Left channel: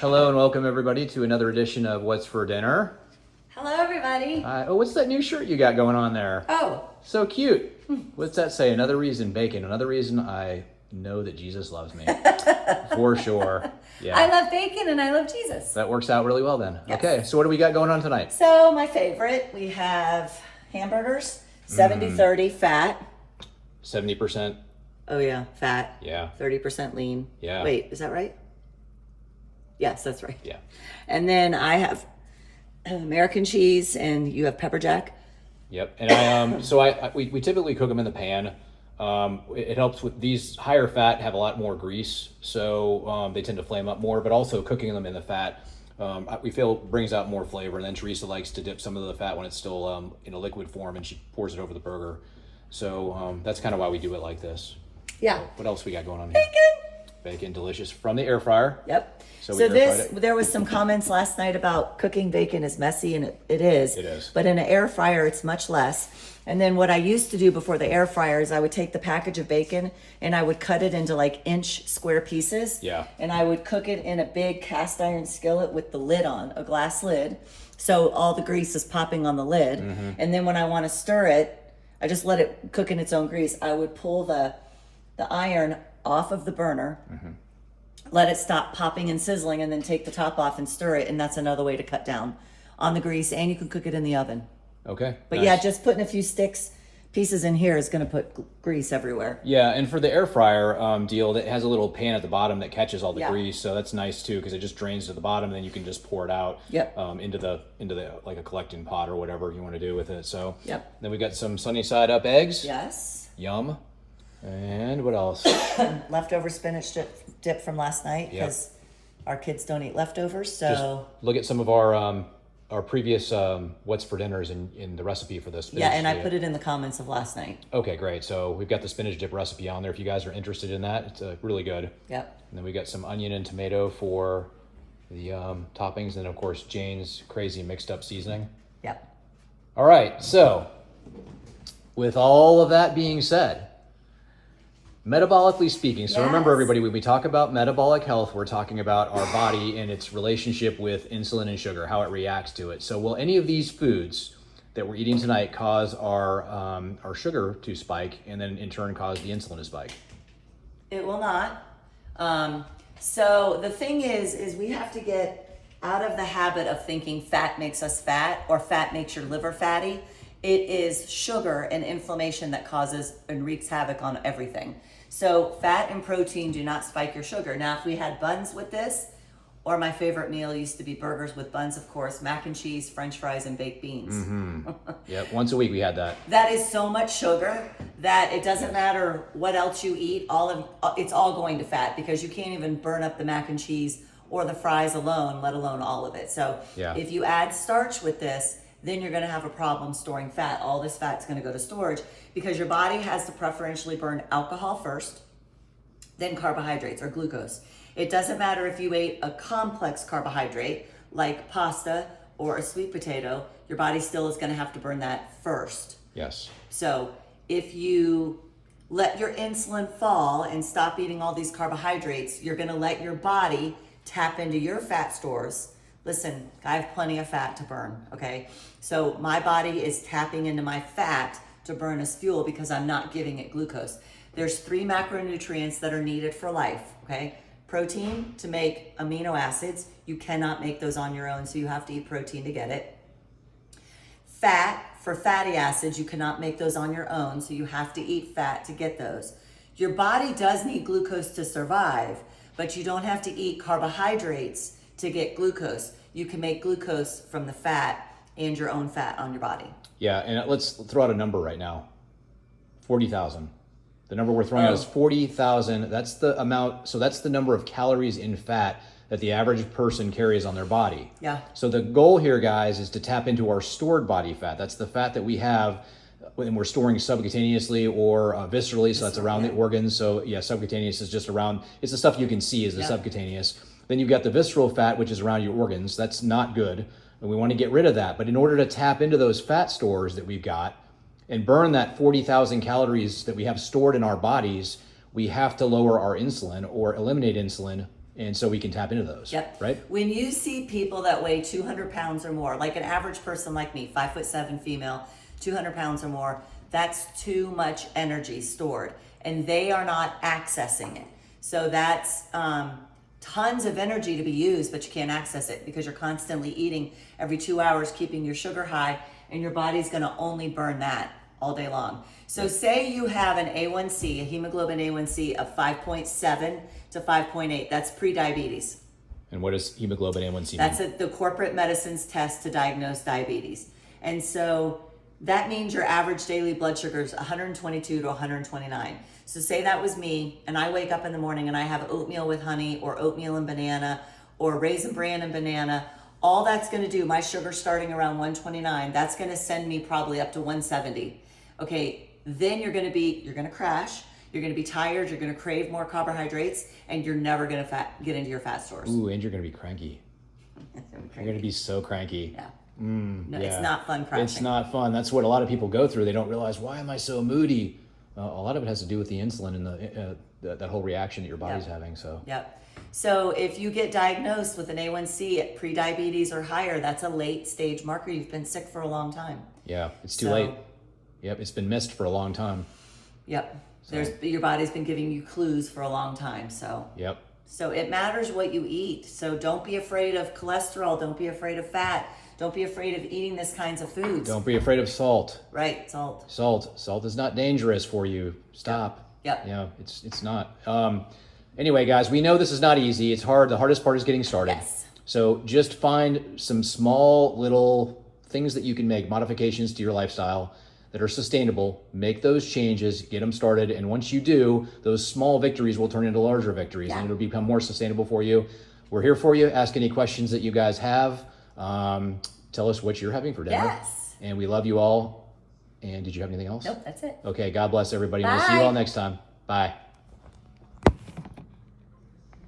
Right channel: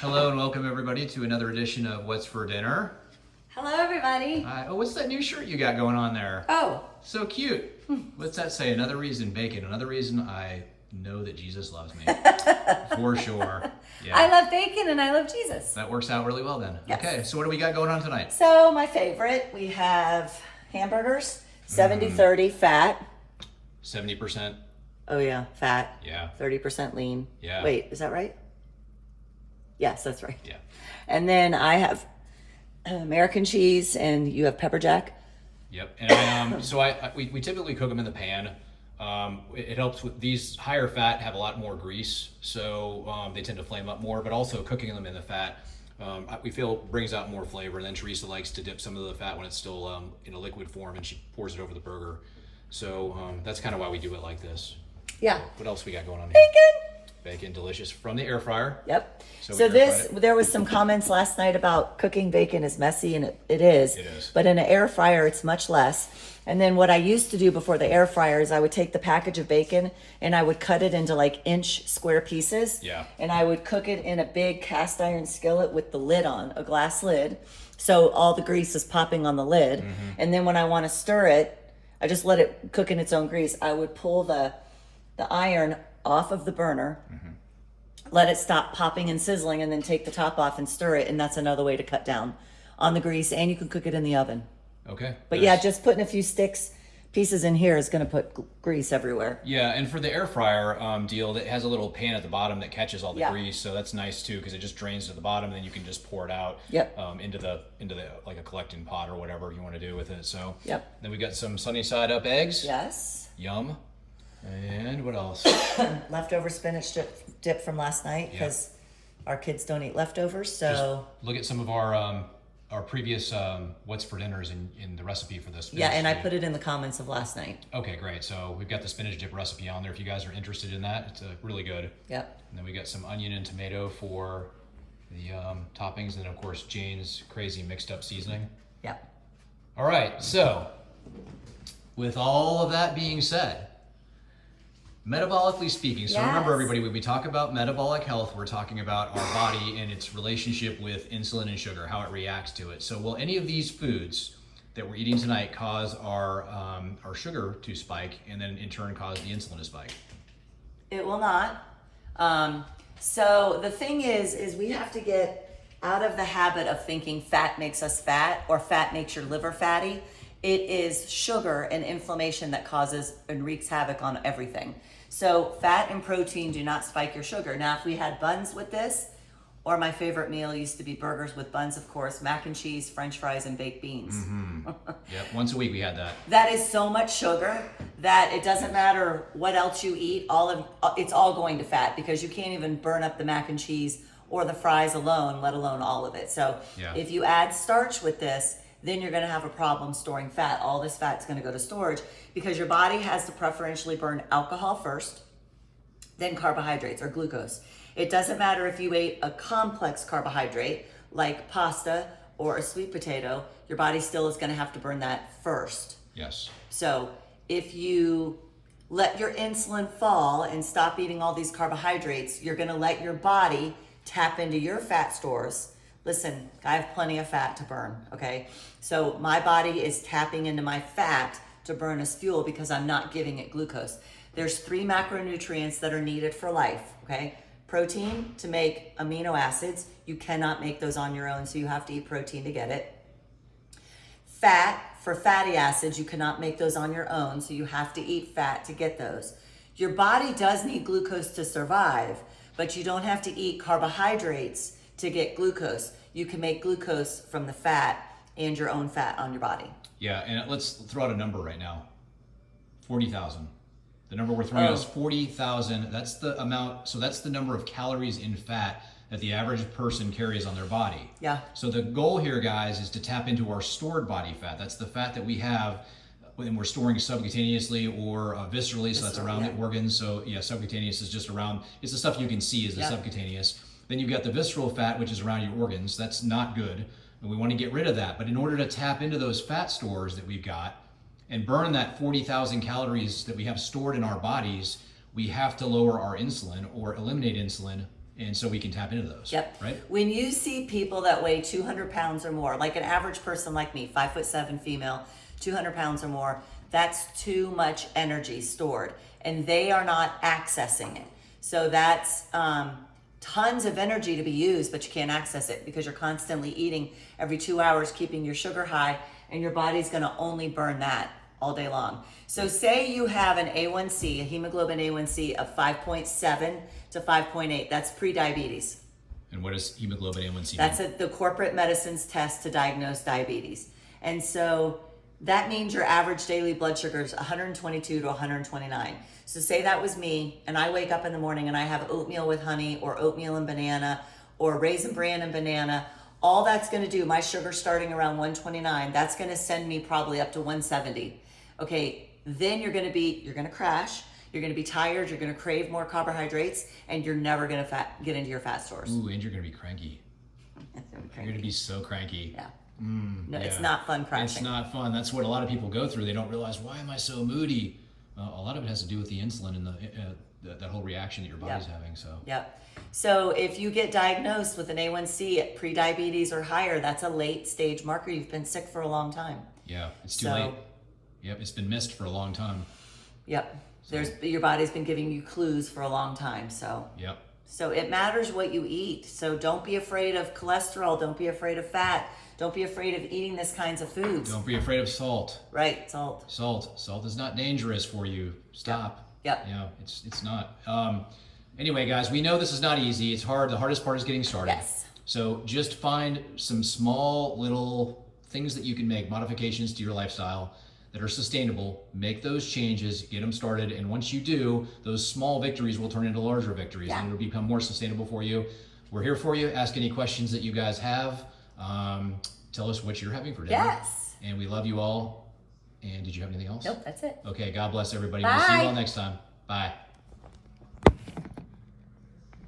Hello and welcome everybody to another edition of What's for Dinner. Hello, everybody. What's that new shirt you got going on there? Oh. So cute. What's that say? Another reason, bacon. Another reason I know that Jesus loves me. For sure. Yeah. I love bacon and I love Jesus. That works out really well then. Yes. Okay, so what do we got going on tonight? So, my favorite, we have hamburgers, 70-30 fat. 70%. Oh, yeah, fat. Yeah. 30% lean. Yeah. Wait, is that right? Yes, that's right. Yeah. And then I have American cheese and you have pepper jack. Yep. And we typically cook them in the pan. It helps with these higher fat have a lot more grease, so they tend to flame up more, but also cooking them in the fat, we feel brings out more flavor. And then Teresa likes to dip some of the fat when it's still in a liquid form, and she pours it over the burger. So that's kind of why we do it like this. Yeah. What else we got going on here? Bacon. Delicious from the air fryer. Yep. So So there was some comments last night about cooking bacon is messy, and it is. It is. But in an air fryer, it's much less. And then what I used to do before the air fryer is I would take the package of bacon and I would cut it into like inch square pieces. Yeah. And I would cook it in a big cast iron skillet with the lid on, a glass lid. So all the grease is popping on the lid. Mm-hmm. And then when I want to stir it, I just let it cook in its own grease. I would pull the iron off of the burner, let it stop popping and sizzling, and then take the top off and stir it. And that's another way to cut down on the grease. And you can cook it in the oven. Okay. But nice. yeah, just putting a few pieces in here is going to put grease everywhere. Yeah, and for the air fryer deal, that has a little pan at the bottom that catches all the Yeah. grease, so that's nice too because it just drains to the bottom, and then you can just pour it out. Yep. Into the like a collecting pot or whatever you want to do with it. So. Yep. Then we got some sunny side up eggs. Yes. Yum. And what else? Leftover spinach dip from last night because our kids don't eat leftovers. So Look at some of our previous what's for dinners in the recipe for this. yeah, and I put it in the comments of last night. Okay, great. So we've got the spinach dip recipe on there if you guys are interested in that. It's really good. Yep. And then we got some onion and tomato for the toppings, and of course Jane's crazy mixed up seasoning. Yep. All right, so with all of that being said, metabolically speaking, so remember everybody, when we talk about metabolic health, we're talking about our body and its relationship with insulin and sugar, how it reacts to it. So will any of these foods that we're eating tonight cause our sugar to spike and then in turn cause the insulin to spike? It will not. So the thing is we have to get out of the habit of thinking fat makes us fat or fat makes your liver fatty. It is sugar and inflammation that causes and wreaks havoc on everything. So fat and protein do not spike your sugar. Now, if we had buns with this, or my favorite meal used to be burgers with buns, of course, mac and cheese, French fries, and baked beans. Mm-hmm. Yeah, once a week we had that. That is so much sugar that it doesn't matter what else you eat. It's all going to fat because you can't even burn up the mac and cheese or the fries alone, let alone all of it. So if you add starch with this, then you're going to have a problem storing fat. All this fat's going to go to storage because your body has to preferentially burn alcohol first, then carbohydrates or glucose. It doesn't matter if you ate a complex carbohydrate like pasta or a sweet potato, your body still is going to have to burn that first. Yes. So if you let your insulin fall and stop eating all these carbohydrates, you're going to let your body tap into your fat stores. Listen, I have plenty of fat to burn, okay? So my body is tapping into my fat to burn as fuel because I'm not giving it glucose. There's 3 macronutrients that are needed for life, okay? Protein to make amino acids. You cannot make those on your own, so you have to eat protein to get it. Fat for fatty acids, you cannot make those on your own, so you have to eat fat to get those. Your body does need glucose to survive, but you don't have to eat carbohydrates to get glucose. You can make glucose from the fat and your own fat on your body. Yeah, and let's throw out a number right now. 40,000. The number we're throwing out is 40,000. That's the amount, so that's the number of calories in fat that the average person carries on their body. Yeah. So the goal here, guys, is to tap into our stored body fat. That's the fat that we have when we're storing subcutaneously or viscerally, so that's around the organs. So yeah, subcutaneous is just around, it's the stuff you can see is the subcutaneous. Then you've got the visceral fat, which is around your organs. That's not good, and we want to get rid of that. But in order to tap into those fat stores that we've got and burn that 40,000 calories that we have stored in our bodies, we have to lower our insulin or eliminate insulin And so we can tap into those. Yep. Right? When you see people that weigh 200 pounds or more, like an average person like me, 5'7" female, 200 pounds or more, that's too much energy stored, and they are not accessing it. So that's tons of energy to be used, but you can't access it because you're constantly eating every 2 hours, keeping your sugar high, and your body's going to only burn that all day long. So say you have an A1C, a hemoglobin A1C of 5.7 to 5.8. That's pre-diabetes. And what does hemoglobin A1C mean? That's the corporate medicines test to diagnose diabetes. And so that means your average daily blood sugar is 122 to 129. So say that was me, and I wake up in the morning and I have oatmeal with honey or oatmeal and banana or raisin bran and banana. All that's going to do, my sugar starting around 129, that's going to send me probably up to 170. Okay, then you're going to crash. You're going to be tired. You're going to crave more carbohydrates, and you're never going to get into your fat stores. Ooh, and you're going to be cranky. You're going to be so cranky. Yeah. No, It's not fun crashing. It's not fun. That's what a lot of people go through. They don't realize, why am I so moody? A lot of it has to do with the insulin and that whole reaction that your body's having. So. Yep. So if you get diagnosed with an A1C at pre-diabetes or higher, that's a late stage marker. You've been sick for a long time. Yeah, it's too late. Yep, it's been missed for a long time. Yep. Your body's been giving you clues for a long time. So. Yep. So it matters what you eat. So don't be afraid of cholesterol. Don't be afraid of fat. Don't be afraid of eating this kinds of foods. Don't be afraid of salt. Right, salt. Salt is not dangerous for you. Stop. Yep. Yeah, it's not. Anyway, guys, we know this is not easy. It's hard. The hardest part is getting started. Yes. So just find some small little things that you can make, modifications to your lifestyle that are sustainable. Make those changes, get them started. And once you do, those small victories will turn into larger victories and it'll become more sustainable for you. We're here for you. Ask any questions that you guys have. Tell us what you're having for dinner. Yes. And we love you all. And did you have anything else? Nope, that's it. Okay, God bless everybody. Bye. We'll see you all next time. Bye.